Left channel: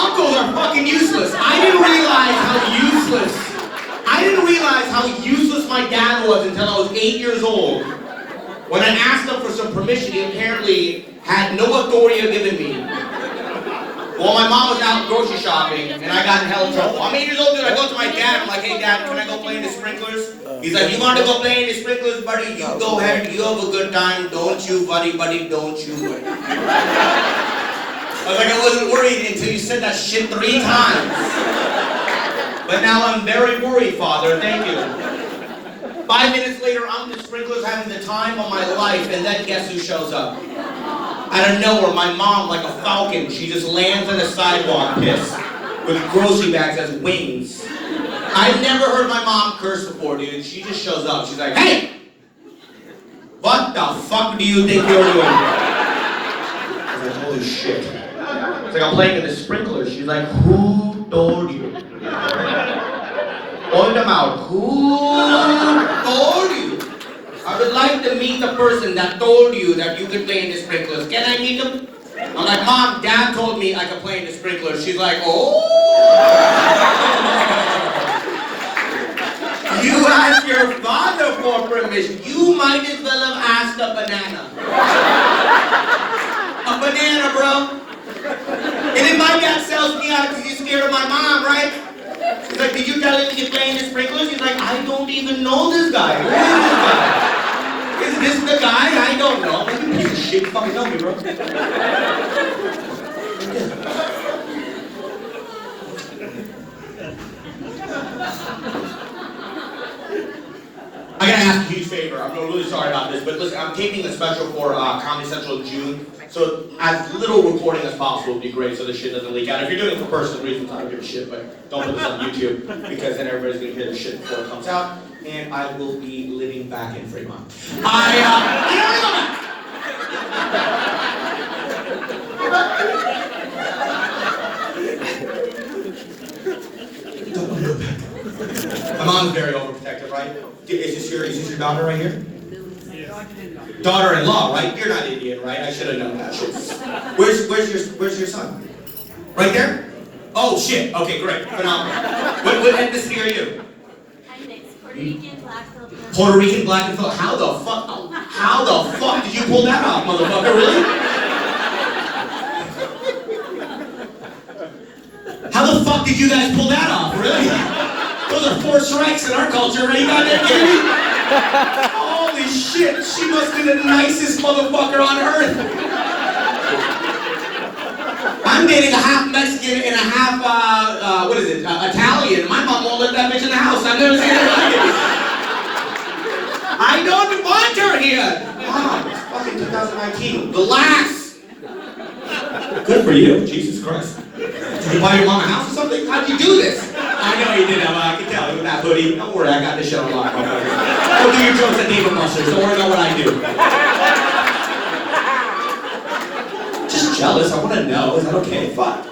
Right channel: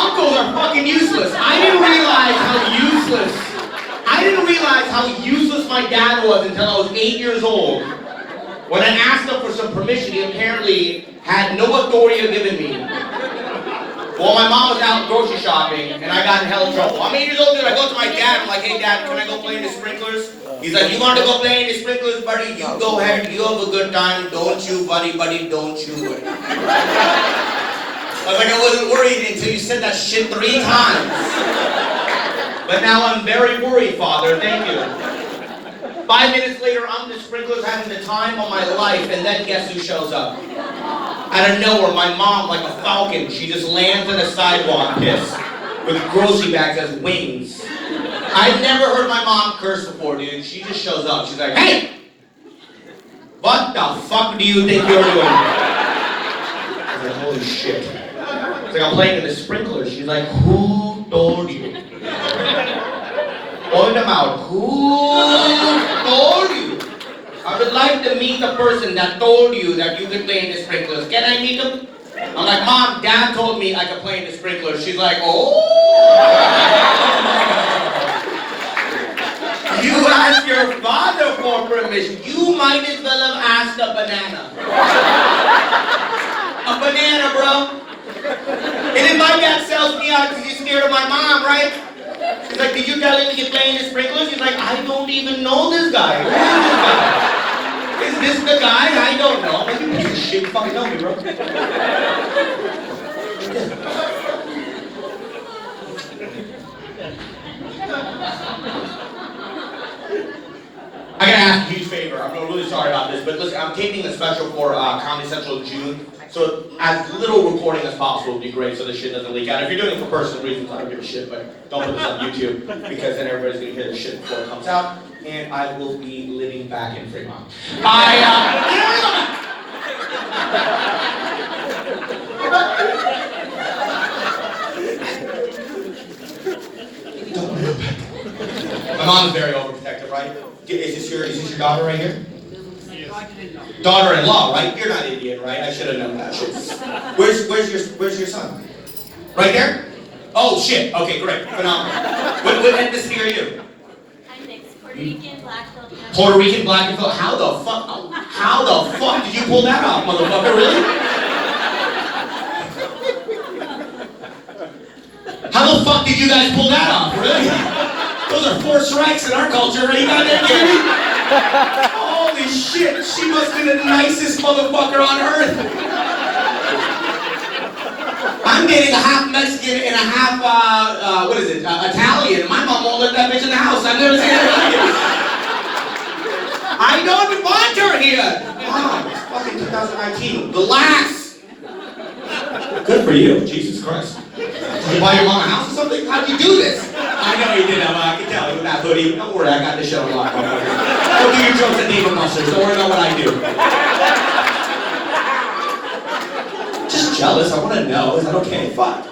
Uncles are fucking useless. I didn't realize how useless my dad was until I was 8 years old. When I asked him for some permission, he apparently had no authority to give it me. Well, my mom was out grocery shopping, and I got in hell trouble. I'm 8 years old, dude. I go to my dad. I'm like, hey, Dad, can I go play in the sprinklers? He's like, you want to go play in the sprinklers, buddy? You go ahead. You have a good time. Don't you, buddy, don't you. I was like, I wasn't worried until you said that shit 3 times. But now I'm very worried, Father. Thank you. 5 minutes later, I'm in the sprinklers having the time of my life, and then guess who shows up? Out of nowhere, my mom, like a falcon, she just lands on the sidewalk piss with grocery bags as wings. I've never heard my mom curse before, dude. She just shows up. She's like, hey! What the fuck do you think you're doing? I was like, holy shit. It's like I'm playing with the sprinklers. She's like, who told you? Open them out. Who told you? I would like to meet the person that told you that you could play in the sprinklers. Can I meet him? I'm like, Mom, Dad told me I could play in the sprinklers. She's like, oh. You asked your father for permission. You might as well have asked a banana. A banana, bro. And if my dad sells me out because he's scared of my mom, right? He's like, did you tell him to play in the sprinklers? He's like, I don't even know this guy. Who is this guy? Is this the guy? I don't know. Like, you piece of shit. You fucking know me, bro. I gotta ask a huge favor. I'm really sorry about this, but listen, I'm taping a special for Comedy Central June, so as little recording as possible would be great so this shit doesn't leak out. If you're doing it for personal reasons, I don't give a shit, but don't put this on YouTube, because then everybody's gonna hear this shit before it comes out, and I will be living back in Fremont. My mom's very overprotective, right? Is this your daughter right here? Yes. Daughter-in-law, right? You're not Indian, right? I should have known that shit. Where's your son? Right there? Oh shit. Okay, great. Phenomenal. What ethnicity are you? I'm mixed. Puerto Rican, black, Filipino. Puerto Rican, black, and Filipino. How the fuck did you pull that off, motherfucker? Really? How the fuck did you guys pull that off? Really? Those are 4 strikes in our culture, right? You got that, Jimmy? Holy shit, she must be the nicest motherfucker on earth. I'm dating a half Mexican and a half, Italian. My mom won't let that bitch in the house. I've never seen her like it. I don't want her here. Mom, it's fucking 2019. Relax. Good for you, Jesus Christ. Did you buy your mom a house or something? How'd you do this? I know you did that, but I can tell you with that hoodie. Don't worry, I got this shit on lock. Don't do your jokes at neighbor muscles. Don't worry about what I do. Just jealous. I want to know. Is that okay? Fuck.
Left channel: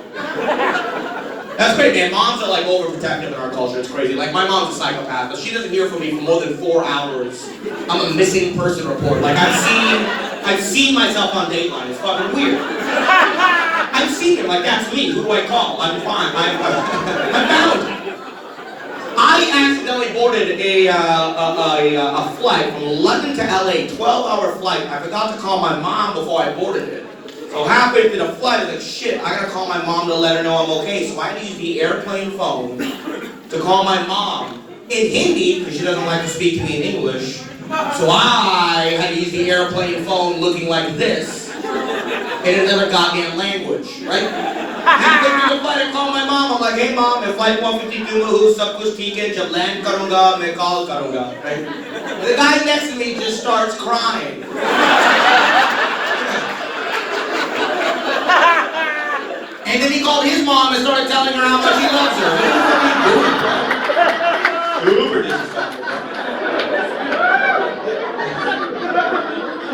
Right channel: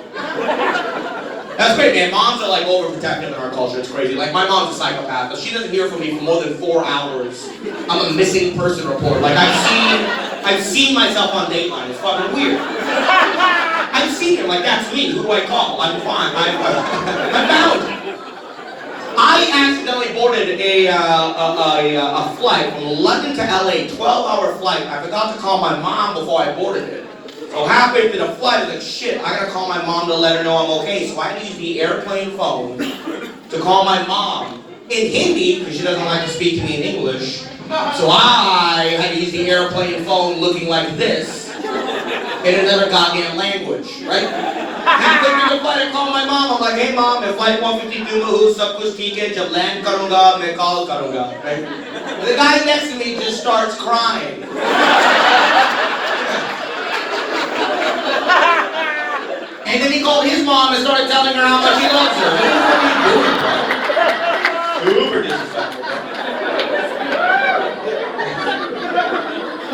That's great, man. Moms are like overprotective in our culture. It's crazy. Like my mom's a psychopath. If she doesn't hear from me for more than 4 hours, I'm a missing person report. Like I've seen myself on Dateline. It's fucking weird. I've seen it. Like that's me. Who do I call? I'm fine. I'm found. I accidentally boarded a flight from London to LA, 12-hour flight. I forgot to call my mom before I boarded it. So halfway through the flight, I was like, shit, I gotta call my mom to let her know I'm okay. So I had to use the airplane phone to call my mom in Hindi, because she doesn't like to speak to me in English. So I had to use the airplane phone looking like this in another goddamn language, right? Halfway through the flight, I call my mom. I'm like, hey mom, मैं flight 152 में हूँ, सब कुछ ठीक है, जब land करूँगा, मैं call करूँगा, right? The guy next to me just starts crying. And then he called his mom and started telling her how much he loves her. Super disrespectful.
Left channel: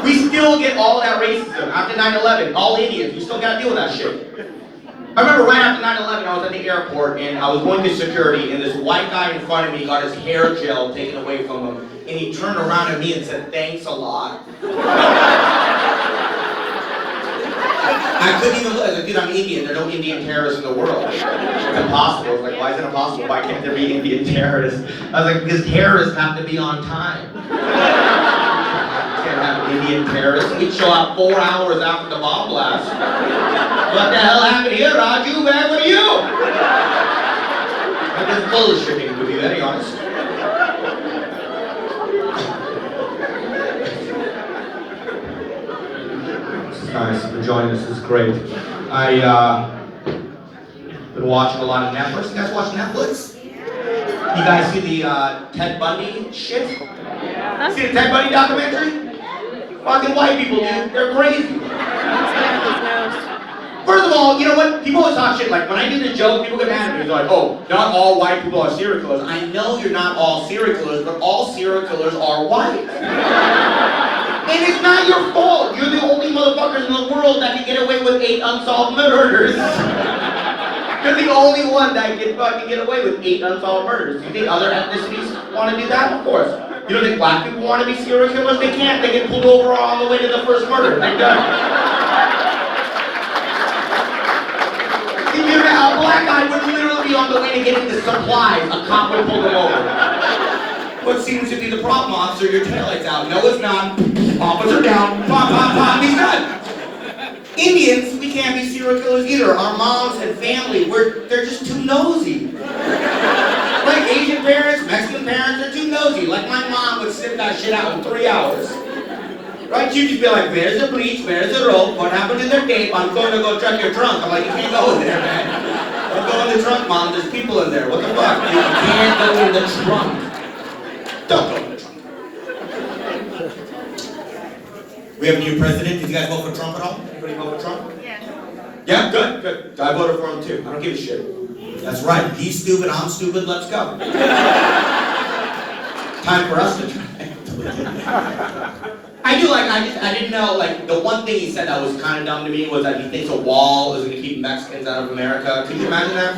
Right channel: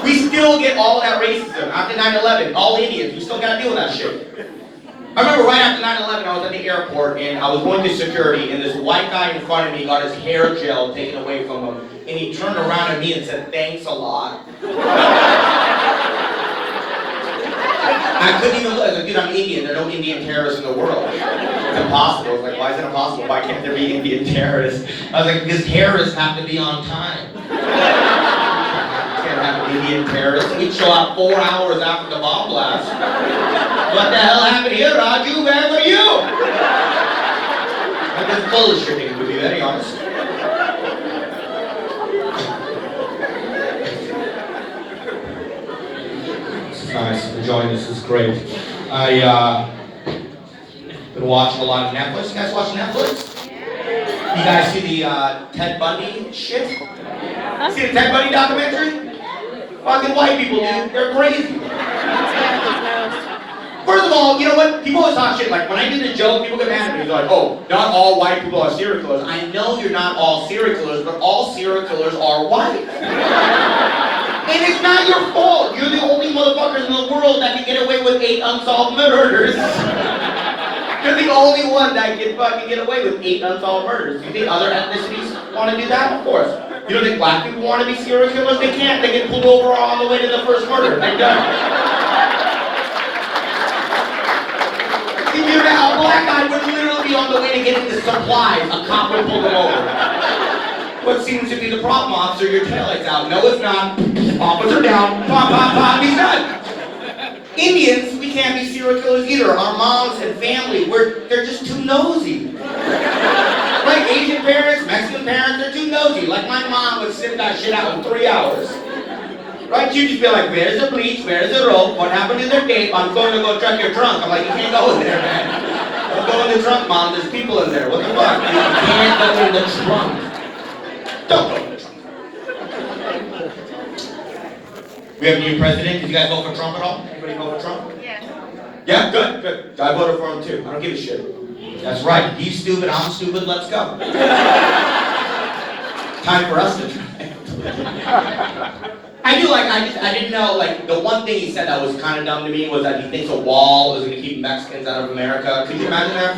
We still get all that racism after 9/11. All Indians, we still gotta deal with that shit. I remember right after 9/11, I was at the airport and I was going to security, and this white guy in front of me got his hair gel taken away from him, and he turned around at me and said, "Thanks a lot." I couldn't even look. Like, dude, I'm Indian. There are no Indian terrorists in the world. It's impossible. It's like, why is it impossible? Why can't there be Indian terrorists? I was like, because terrorists have to be on time. Can't have Indian terrorists. We'd show up 4 hours after the bomb blast. What the hell happened here, Raju? Where were you? I've been bullshitting, to be very honest. Nice, enjoying this is great. Been watching a lot of Netflix. You guys watch Netflix? You guys see the Ted Bundy shit? See the Ted Bundy documentary? Fucking white people, dude. They're crazy. First of all, you know what? People always talk shit. Like, when I do the joke, people get mad at me. They're like, oh, not all white people are serial killers. I know you're not all serial killers, but all serial killers are white. And it's not your fault. You're the only motherfuckers in the world that can get away with 8 unsolved murders. You're the only one that can fucking get away with 8 unsolved murders. You think other ethnicities want to do that? Of course. You don't think black people want to be serial killers? They can't. They get pulled over on the way to the first murder. They're done. A black guy would literally be on the way to getting the supplies. A cop would pull them over. What seems to be the problem, officer? Your taillight's out. No, it's not. Officer down. Pop, pop, pop. He's done. Indians, we can't be serial killers either. Our moms and family, they're just too nosy. Like Asian parents, Mexican parents, they're too nosy. Like my mom would sniff that shit out in 3 hours. Right? She'd just be like, where's the bleach? Where's the rope? What happened to their tape? I'm going to go check your trunk. I'm like, you can't go in there, man. Don't go in the trunk, Mom. There's people in there. What the fuck? You can't go in the trunk. Don't go in the trunk. We have a new president. Did you guys vote for Trump at all? Anybody vote for Trump? Yeah. Yeah, good, good. I voted for him too. I don't give a shit. That's right. He's stupid. I'm stupid. Let's go. Time for us to I didn't know, like, the one thing he said that was kind of dumb to me was that he thinks a wall is going to keep Mexicans out of America. Could you imagine that?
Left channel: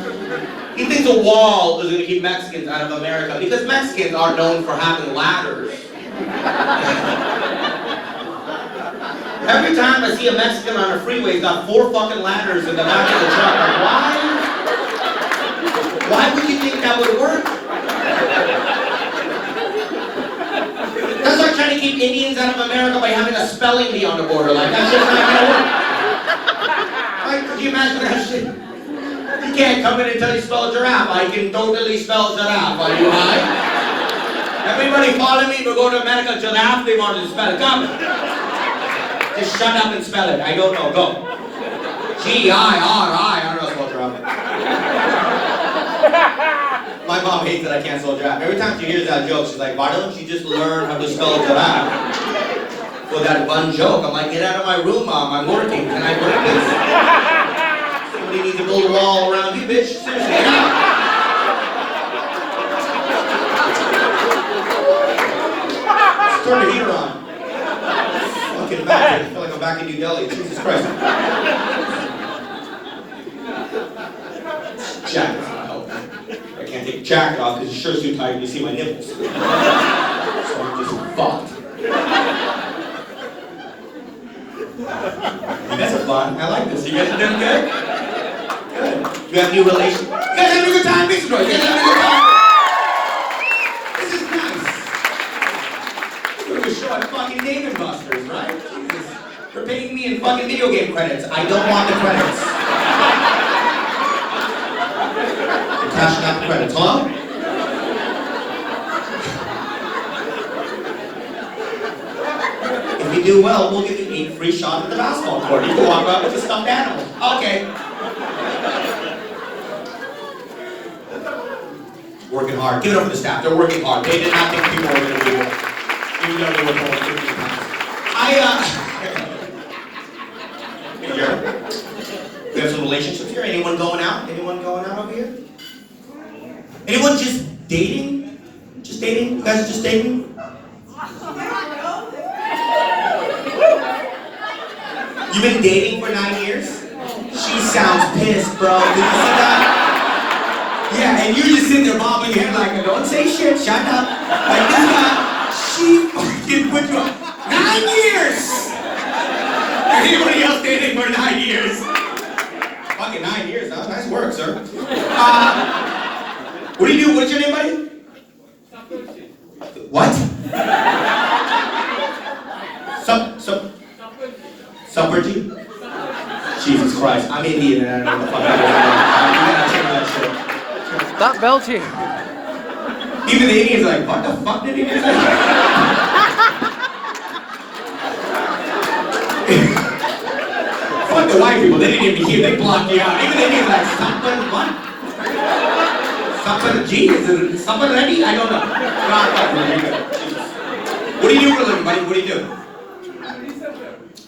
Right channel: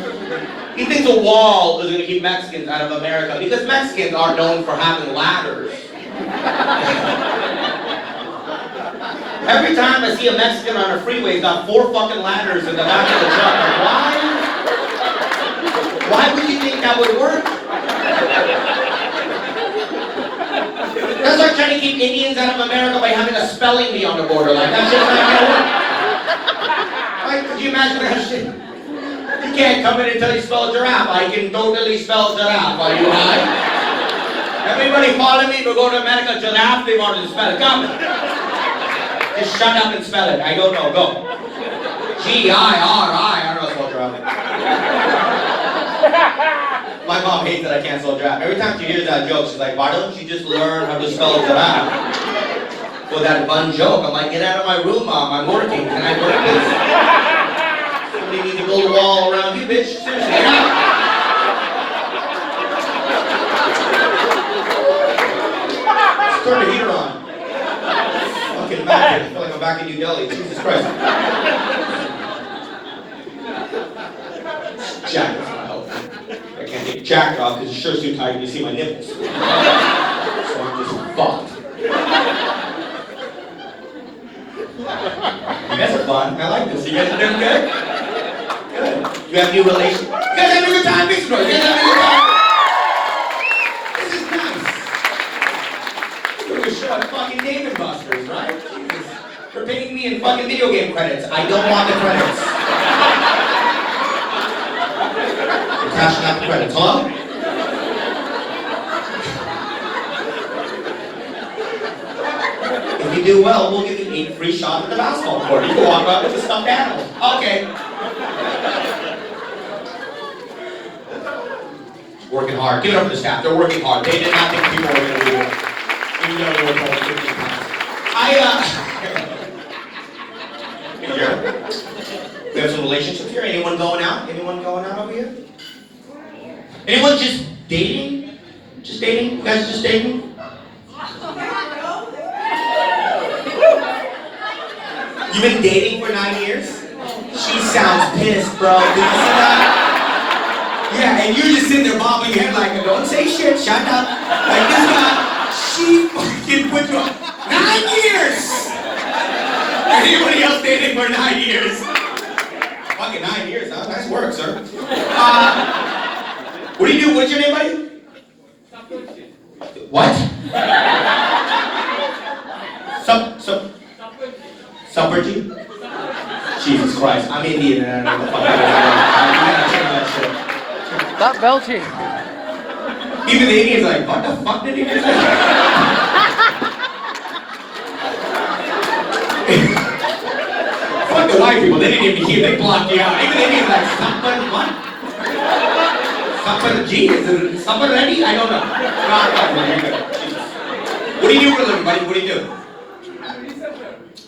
He thinks a wall is going to keep Mexicans out of America because Mexicans are known for having ladders. Every time I see a Mexican on a freeway, he's got 4 fucking ladders in the back of the truck. Like, why would you think that would work? That's like trying to keep Indians out of America by having a spelling bee on the border. Like, that's just not gonna work. Like, could you imagine that shit? You can't come in until you spell giraffe. I can totally spell giraffe. Are you high? Everybody follow me. We're going to America. Giraffe, they wanted to spell it. Come. Just shut up and spell it. I don't know. Go. G-I-R-I. I don't know spell giraffe. My mom hates that I can't spell giraffe. Every time she hears that joke, she's like, why don't you just learn how to spell giraffe? For that one joke, I'm like, get out of my room, Mom. I'm working. Can I work this? Somebody needs to build a wall around me, bitch. Seriously, get out. Let's turn the heater on. Fucking back. I feel like I'm back in New Delhi. Jesus Christ. Jacket off. I can't take the jacket off because it's sure too tight to see my nipples. So I'm just fucked. You guys are fun. I like this. You guys are doing good? Good. You have new relations? You guys having a good time? Big bro. You guys having a good time? This is nice. We're doing a show at fucking Dave & Buster's, right? Jesus. They're paying me in fucking video game credits. I don't want the credits. You're cashing out the credits, huh? If you do well, we'll give you 8 free shots at the basketball court. You can walk out with a stuffed animal. Okay. Working hard. Give it up for the staff. They're working hard. They did not think people were going to do it. Even though they were told 15 times. We have some relationships here. Anyone going out? Anyone going out over here? Anyone just dating? Just dating? You guys just dating? You've been dating for 9 years? She sounds pissed, bro. Did you see that? Yeah, and you're just sitting there bobbing your head like, don't say shit, shut up. Like this guy, she fucking put you on 9 years! Anybody else dating for 9 years? Fucking 9 years, huh? Nice work, sir. What do you do? What's your name, buddy? What? Subverty? Jesus Christ, I'm Indian and I don't know what the fuck you gotta change that shit. Stop belching. Even the Indians are like, what the fuck did he do? Fuck the white people, they didn't even hear, they blocked you out. Even the Indians like, something what? Something genius, something ready? I don't know. What do you do for a living, buddy? What do you do?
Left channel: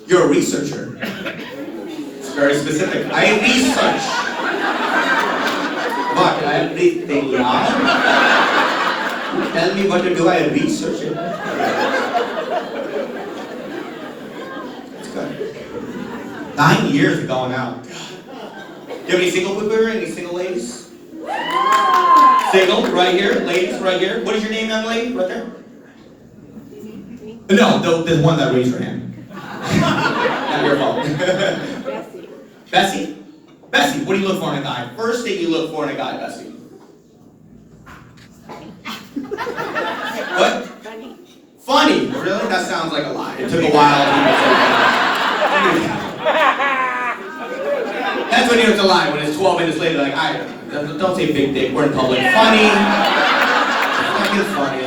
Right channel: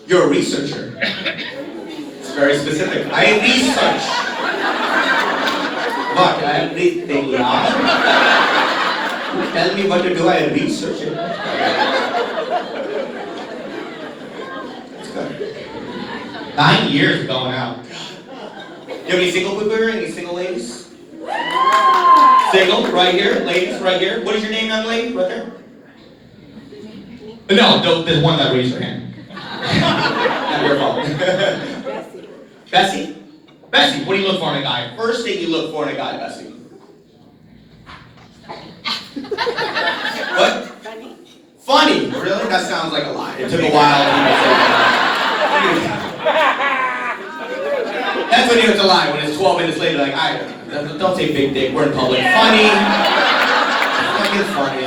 You're a researcher. It's very specific. I research. What? Everything, yeah. Tell me what to do, I research it. It's good. 9 years gone out. Do you have any single people here? Any single ladies? Single, right here. Ladies, right here. What is your name, young lady? Right there? No, there's one that raised her hand. Not your fault. Bessie? Bessie, what do you look for in a guy? First thing you look for in a guy, Bessie. What? Funny. Funny? Really? That sounds like a lie. It took a while. That's when you know it's a lie, when it's 12 minutes later, like, don't say big dick, we're in public. Funny. Fucking funny.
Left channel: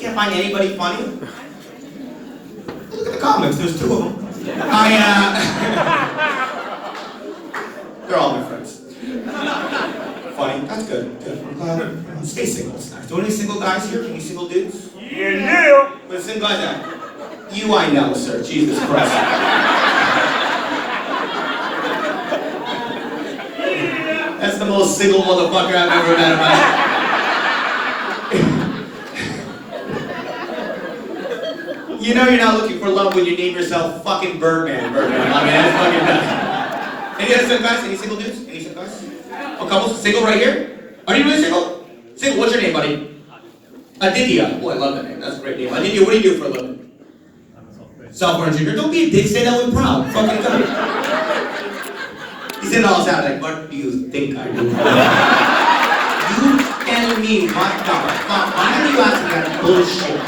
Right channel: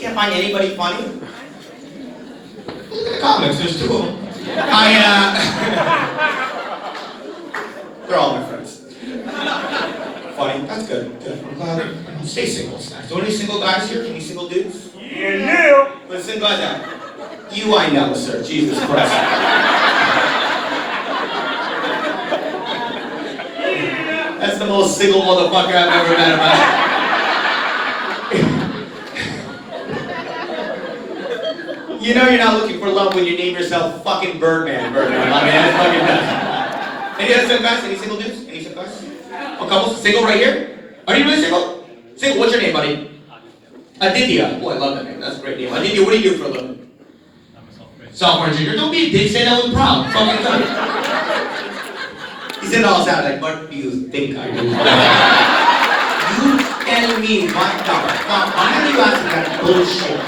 Can't find anybody funny? Look at the comments, there's 2 of them. They're all my friends. Funny, that's good. Stay single, Snacks. Do any single guys here? Any single dudes? Yeah. Where's the single guys at? You I know, sir. Jesus Christ. That's the most single motherfucker I've ever met in my life. You know you're not looking for love when you name yourself fucking Birdman. Birdman, my man. Fucking bad. Any other single guys? Any single dudes? Any single guys? A couple? Single right here? Are you really single? Single, what's your name, buddy? Aditya. Oh, I love that name. That's a great name. Aditya, what do you do for a living? Software engineer. Don't be a dick, say that with proud. Fucking go. He said it all sound like, what do you think I do? You tell me what the fuck. Why are you asking that bullshit?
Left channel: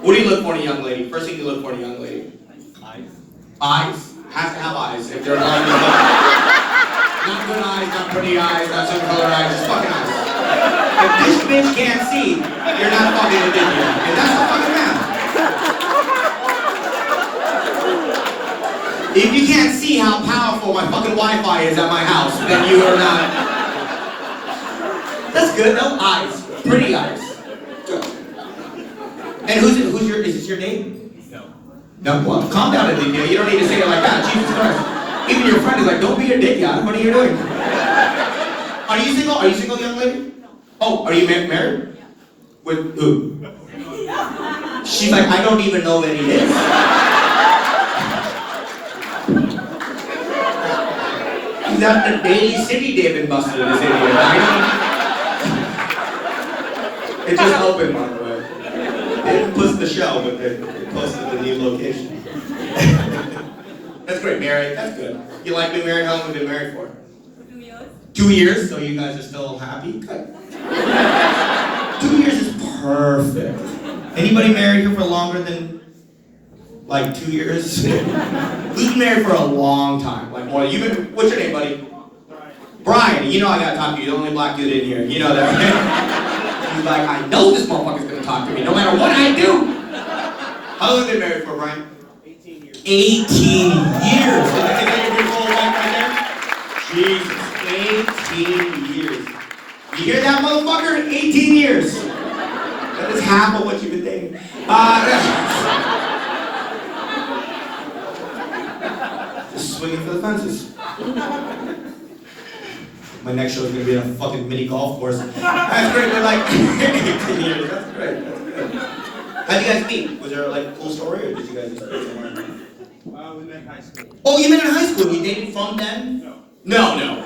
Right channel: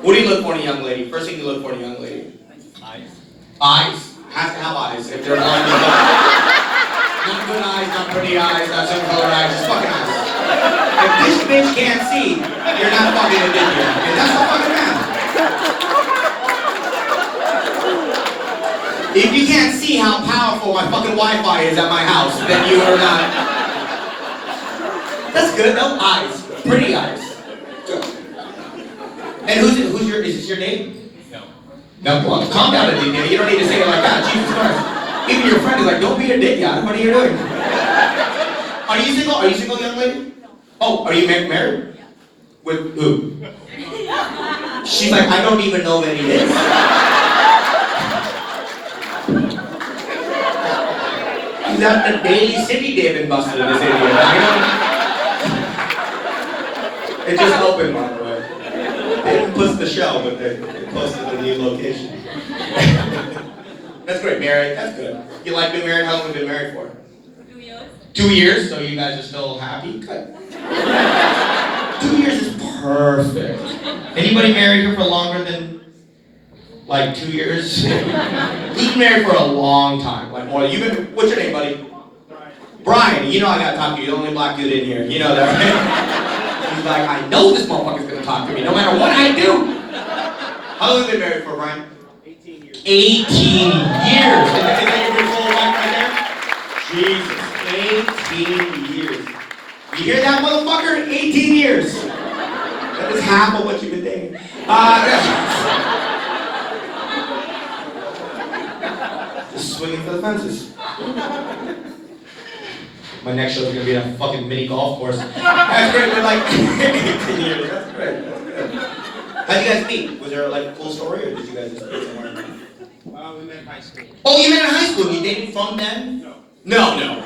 What do you look for in a young lady? First thing you look for in a young lady? Eyes. Eyes? Has to have eyes. If they're blind, not good eyes, not pretty eyes, not some color eyes, just fucking eyes. If this bitch can't see, you're not fucking a bitch. And that's the fucking matter. If you can't see how powerful my fucking Wi-Fi is at my house, then you are not. That's good, no? Eyes. Pretty eyes. Good. And is this your name? No. No, well, calm down, Aditya. You don't need to say it like that. Jesus Christ. Even your friend is like, don't be a dick, yeah. What are you doing? Are you single? Are you single, young lady? Oh, are you married? With who? She's like, I don't even know any names. He's at the Daily City David busted in this idiot. It just opened, by the way. They didn't post the show, but they posted the new location. That's great, married. That's good. You like being married? How long have you been married for? 2 years. 2 years? So you guys are still happy? Good. 2 years is perfect. Anybody married here for longer than, like, 2 years? Who's been married for a long time? Like, more. What's your name, buddy? Brian. You know I gotta talk to you. You're the only black dude in here. You know that, right? He's like, I know this motherfucker's gonna talk to me, no matter what I do. How long have you been married for, Brian? 18 years. 18 years. Is that your full wife right there? Jesus, 18 years. You hear that, motherfucker? 18 years. That is half of what you've been dating. Just swinging for the fences. My next show is gonna be a fucking mini golf course. That's great. We're like 18 years. That's great. That's good. How'd you guys meet? Was there like a cool story, or did you guys just meet somewhere? We met in high school. Oh, you met in high school. You dated from then? No. No.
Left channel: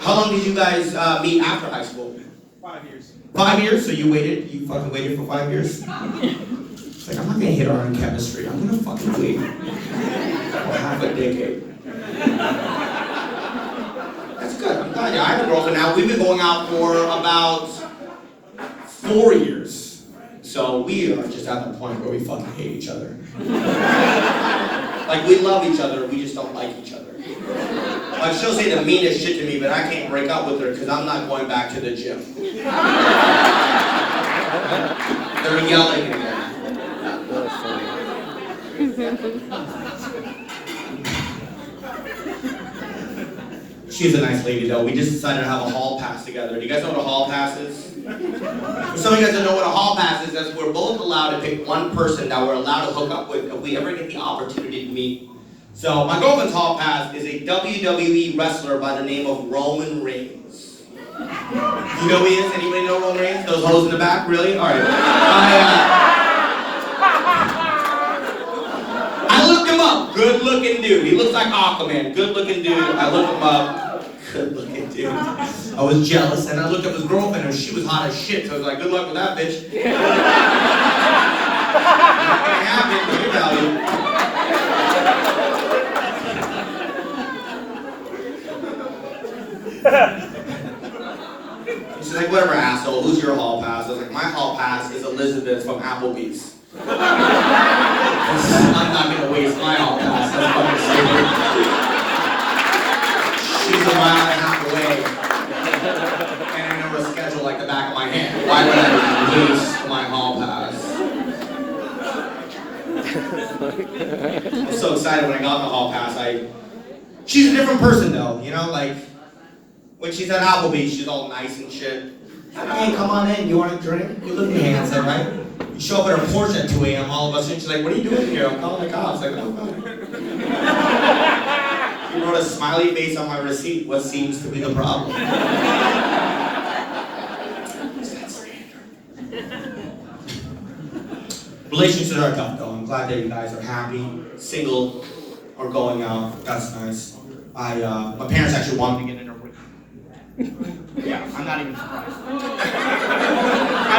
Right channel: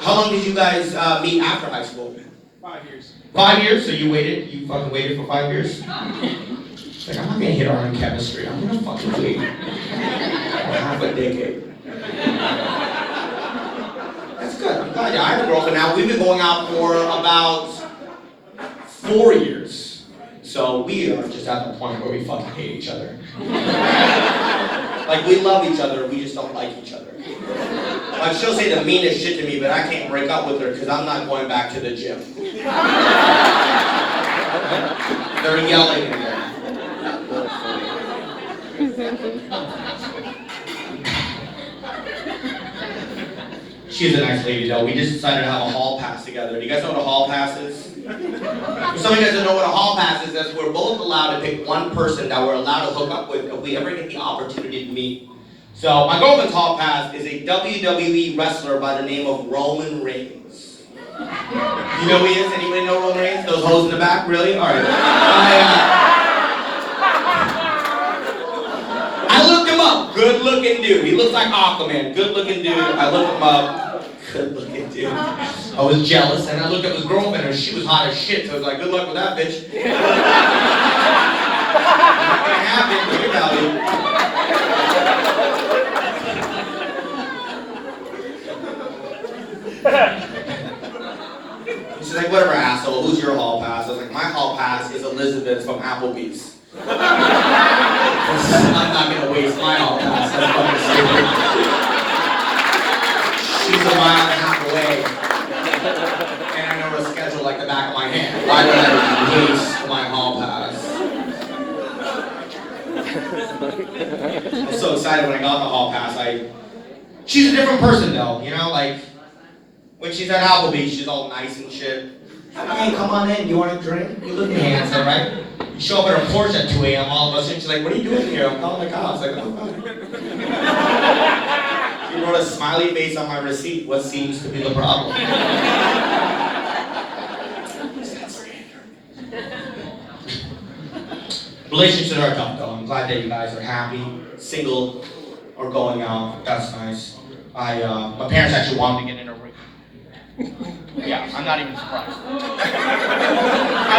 How long did you guys meet after high school? 5 years. 5 years? So you fucking waited for 5 years? It's like, I'm not gonna hit her on chemistry. I'm gonna fucking wait. Half a decade. That's good. I'm glad you. I have a girlfriend now. We've been going out for about 4 years. So we are just at the point where we fucking hate each other. Like, we love each other, we just don't like each other. Like, she'll say the meanest shit to me, but I can't break up with her because I'm not going back to the gym. They're yelling at me. She's a nice lady, though. We just decided to have a hall pass together. Do you guys know what a hall pass is? For some of you guys don't know what a hall pass is, that's we're both allowed to pick one person that we're allowed to hook up with if we ever get the opportunity to meet. So my girlfriend's hall pass is a WWE wrestler by the name of Roman Reigns. You know who he is? Anybody know Roman Reigns? Those hoes in the back? Really? Alright. I looked him up. Good looking dude. He looks like Aquaman. Good looking dude. I looked him up. Good looking dude. I was jealous and I looked up his girlfriend and she was hot as shit. So I was like, good luck with that bitch. Not gonna happen. Let me tell you. She's like, whatever, asshole. Who's your hall pass? I was like, my hall pass is Elizabeth from Applebee's. I'm not gonna waste my hall pass. That's fucking stupid. She's a mile and a half away. And I know her schedule like the back of my hand. Why would I waste my hall pass? I'm so excited when I got the hall pass. She's a different person though, you know, like when she's at Applebee's, she's all nice and shit. Hey, come on in, you want a drink? You look handsome, right? You show up at her porch at 2 a.m. all of a sudden, she's like, what are you doing here? I'm calling the cops. Like, oh, God. You wrote a smiley face on my receipt. What seems to be the problem? Relationships are tough, though. I'm glad that you guys are happy, single, or going out. That's nice. My parents actually wanted me to get in a ring. Yeah, I'm not even surprised. I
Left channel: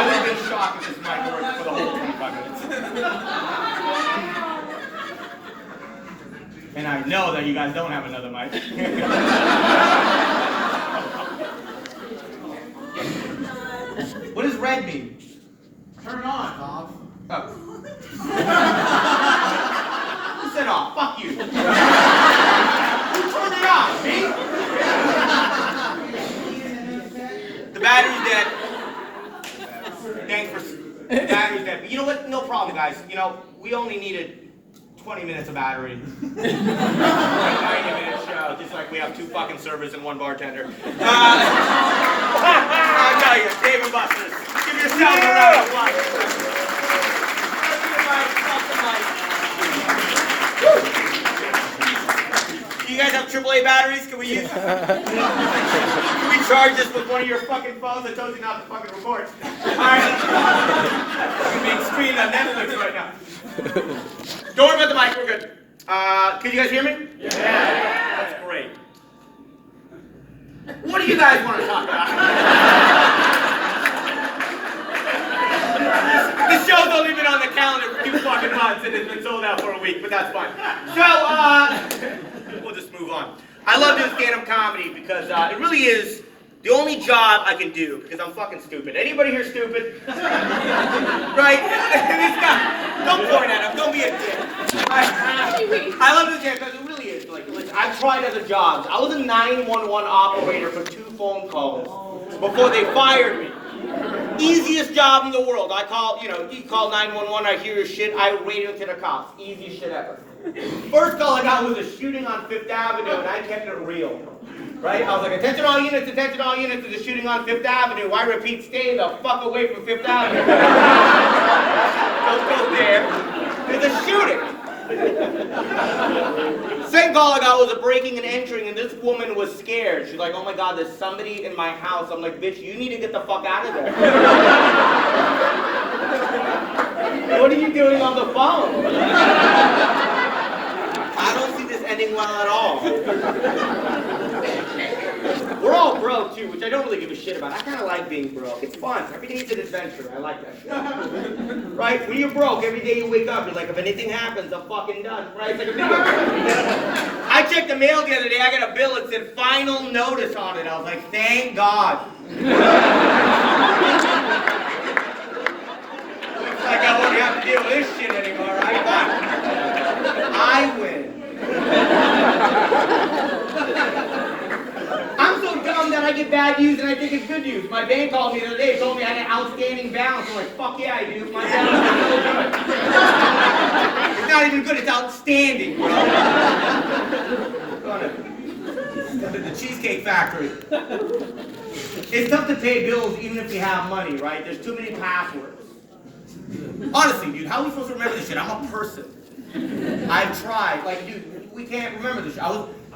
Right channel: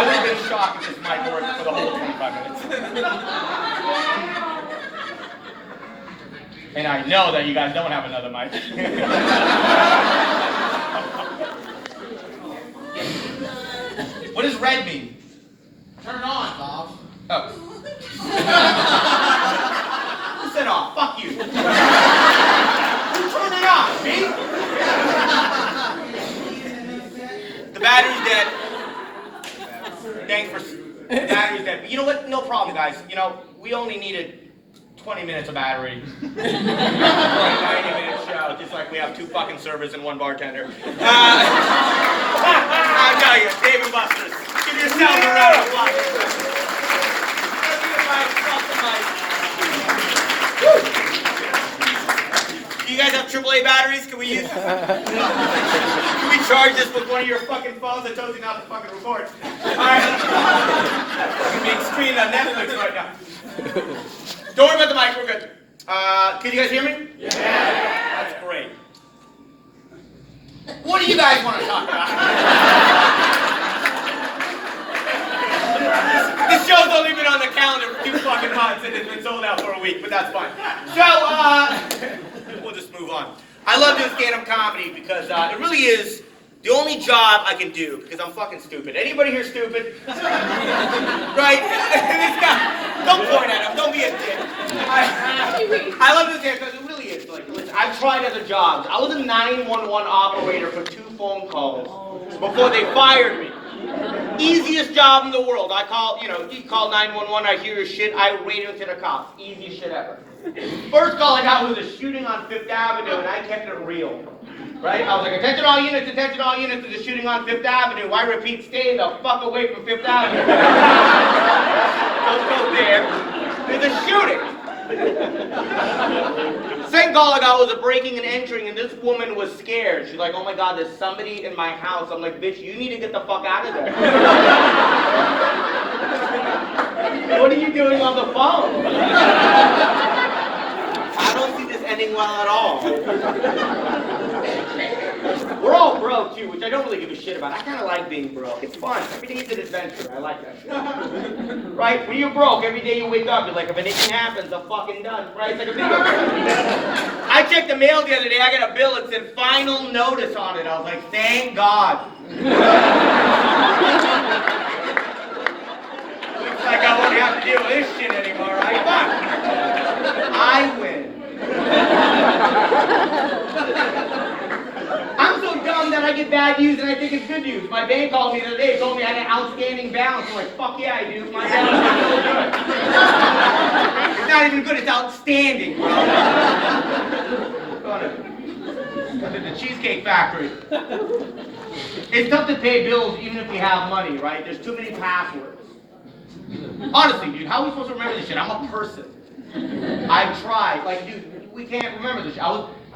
would have been shocked if this mic worked for the whole 25 minutes. And I know that you guys don't have another mic. What does red mean? Turn it on, Bob. Oh. Who said off? Fuck you. Who turned it on? Me? The battery's dead. Thanks for... The battery's dead. You know what? No problem, guys. You know, we only needed 20 minutes of battery. 90-minute show, just like we have 2 fucking servers and 1 bartender. I tell you, Dave and Buster's. Give yourselves a round of applause. Do you guys have AAA batteries? Can we use? Can we charge this with one of your fucking phones? I told you not to fucking record. Alright. I'm being streamed on Netflix right now. Don't worry about the mic, we're good. Can you guys hear me? Yeah. That's great. What do you guys want to talk about? The show's only been on the calendar for 2 fucking months and it's been sold out for a week, but that's fine. So, we'll just move on. I love doing stand-up comedy because it really is the only job I can do because I'm fucking stupid. Anybody here stupid? Right? This guy, don't point at him, don't be a dick. I love this here because it really is. Like, listen, I've tried other jobs. I was a 911 operator for 2 phone calls before they fired me. Easiest job in the world. I call, you call 911, I hear your shit, I radio to the cops. Easiest shit ever. First call I got was a shooting on 5th Avenue, and I kept it real. Right? I was like, attention all units, there's a shooting on 5th Avenue. I repeat, stay the fuck away from 5th Avenue. Don't go there. There's a shooting. Second call I got was a breaking and entering, and this woman was scared. She's like, oh my God, there's somebody in my house. I'm like, bitch, you need to get the fuck out of there. What are you doing on the phone? I don't see this ending well at all. We're all broke too, which I don't really give a shit about. I kind of like being broke. It's fun. Every day's an adventure. I like that shit. Right? When you're broke, every day you wake up, you're like, if anything happens, I'm fucking done. Right? It's like a video game. I checked the mail the other day. I got a bill that said final notice on it. I was like, thank God. Looks like I won't have to deal with this shit anymore, right? But I win. I'm so dumb that I get bad news and I think it's good news. My bank called me the other day and told me I had an outstanding balance. I'm like, fuck yeah, I do. My balance is so good. It's not even good, it's outstanding. The Cheesecake Factory. It's tough to pay bills even if you have money, right? There's too many passwords. Honestly, dude, how are we supposed to remember this shit? I'm a person. I've tried. Like, dude, we can't remember this shit.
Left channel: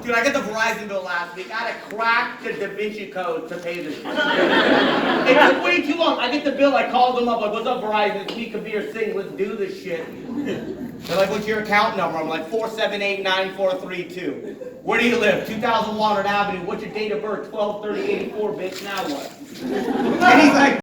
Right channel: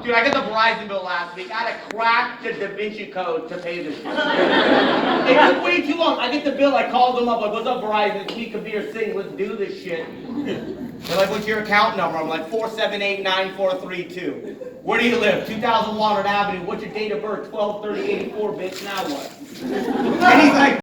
Dude, I got the Verizon bill last week. I had to crack the Da Vinci Code to pay this shit. It took way too long. I get the bill, I called them up, like, what's up, Verizon? It's me, Kabir, Singh, let's do this shit. They're like, what's your account number? I'm like, 4789432. Where do you live? 2000 Walnut Avenue. What's your date of birth? 12/30/84, bitch, now what? And he's like,